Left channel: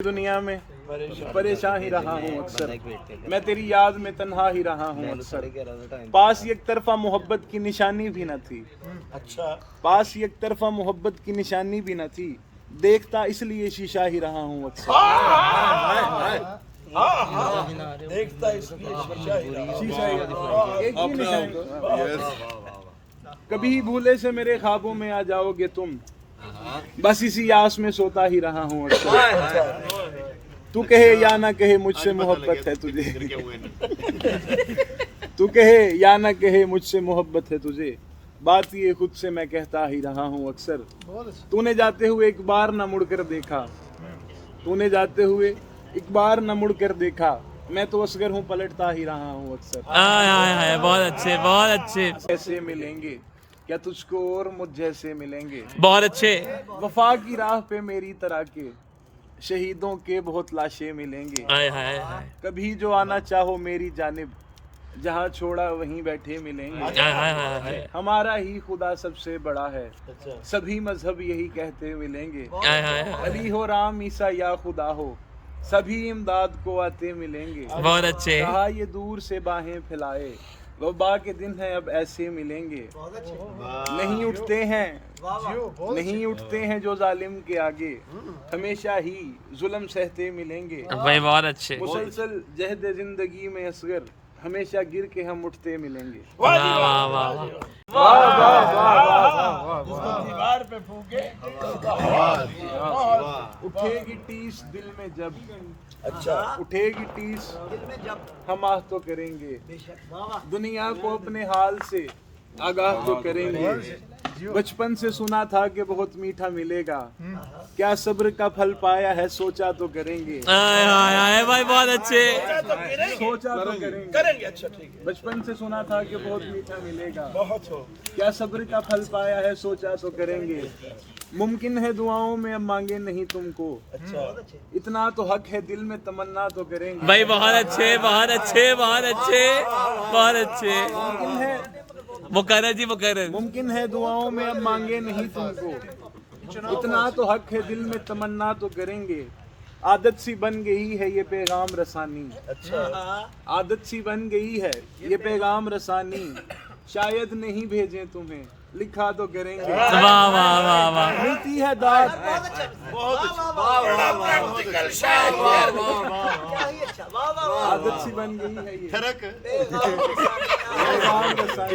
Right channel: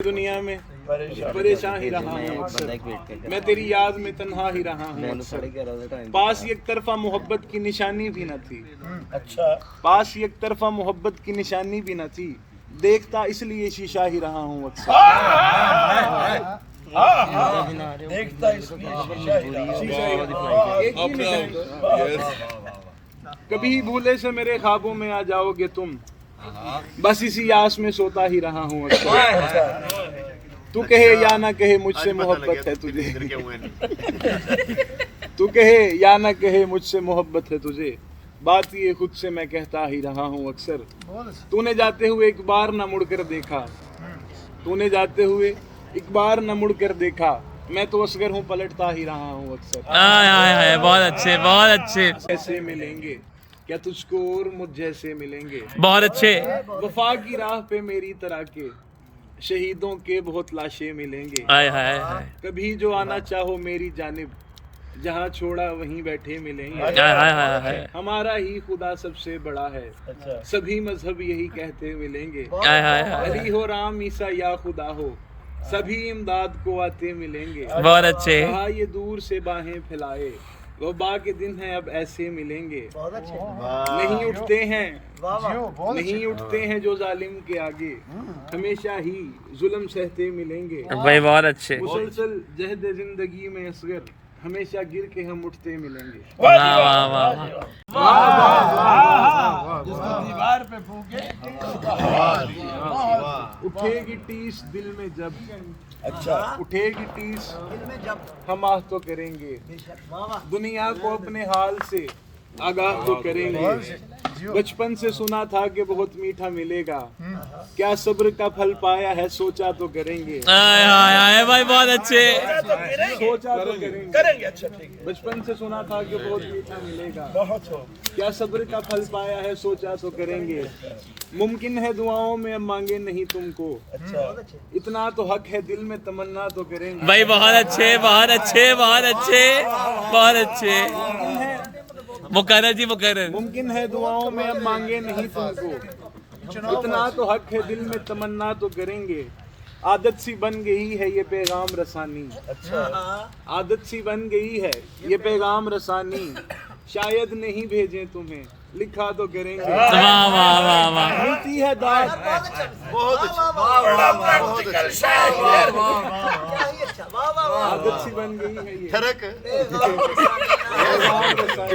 दुनिया में परेशान ही रहा हूँ अक्सर, मैं तेरी याद में तन्हा ही रहा हूँ अक्सर। पास एक तरफा मोहब्बत की निशानी भी न थी, अच्छा पास एक तरफा मोहब्बत की निशानी भी न थी, देखता इसलिए शीशा ही रहा हूँ अक्सर। देखता इसलिए शीशा ही एक ही निशानी। कभी भूले से मेरे ख्वाबों में आ जाओगे तुम, बस इसी आस में सोता ही रहा हूँ अक्सर। तू कहे या ना कहे मुझसे मोहब्बत है तुझे, तू कहे या ना कहे मुझसे मोहब्बत है तुझे, बात ये खुद से मैं कहता ही रहा हूँ अक्सर। तूने जाते हुए एक बार न मुड़कर देखा, तूने जाते हुए एक बार न मुड़कर देखा, मैं तो असगर हूँ पलटता ही रहा हूँ अक्सर। बहुत अच्छे बहुत अच्छे। कैसे मिलेंगे क्या तुझको और मुझ जैसे मिलेंगे, बहुत अच्छे। वफा की राह पे मेरी तरह के शहीदों के बहुत लाशें मिलेंगे। हाय हाय हाय कभी जो आना चाहो मेरी जानिब, जहाँ छोड़ा वहीं बैठे मिलेंगे। हाय हाय हाय हाय हमारा ही खुदा सबसे बड़ा है, सभी मजहब यही कहते मिलेंगे। हाय हाय हाय। अली हो राम ईसा या खुदा हो, सभी इमदाद को आते मिलेंगे। बहुत अच्छे। कहा ये दूर से बाहें फैलाए, वबा के दिन है अब ऐसे मिलेंगे। नहीं उठते हैं, नहीं उठते हैं जो जालिम के आगे, हमेशा ही जुल्म सहते मिलेंगे। भाई बहुत अच्छे। मुसलसल जहद जिंदगी में असगर, हमेशा गिर के हम उठते मिलेंगे। वाह वाह वाह। दीवार पे फूके उठेगी टीस दिल में जब, अच्छा उठेगी टीस दिल में जब, हम आह तो करेंगे, दुनिया को अपने हाल से आगाह तो करेंगे। बचपन से सुना था कि बहुत मीठा मिलेगा, क्या सब्र का फल पाया है सोचा तो करेंगे। हाय हाय हाय भाई बहुत अच्छे। सोचा तो करेंगे अच्छा ठीक है। बचपन से सुना था कि बहुत मीठा मिलेगा, बहुत हो क्या सब्र का फल पाया है सोचा तो करेंगे। मुमकिन है दुआओं में अब मांगे नहीं तुमको, अच्छा इतना तो हक है दिल में तमन्ना तो करेंगे। भाई बहुत अच्छे बहुत अच्छे बहुत अच्छे बहुत अच्छे। मुकर्रर जी मुकर्रर। मुमकिन है दुआओं में अब मांगे नहीं तुमको, इतना तो हक है दिल में तमन्ना तो करेंगे। आदत सी बन गई है ये पैगाम रसानी, अच्छा आदत सी बन गई है ये पैगाम रसानी, शायद नहीं भेजें तुम्हें लिखा तो करेंगे। वाह वाह वाह वाह। मिलती है दाद, आदत सी बन गई है ये पैगाम रसानी,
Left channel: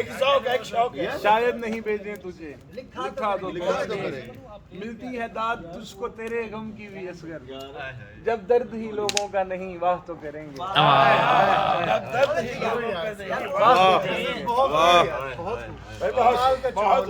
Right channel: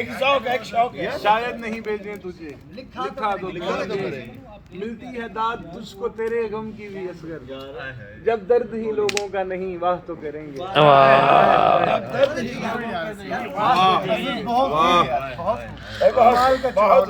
एक शौक है, एक शौक है। शायद नहीं भेजें तुझे लिखा तो करेंगे। मिलती है दाद तुझको तेरे गम की भी असगर, जब दर्द ही लोगों का नहीं वाह तो करेंगे। वाह। बहुत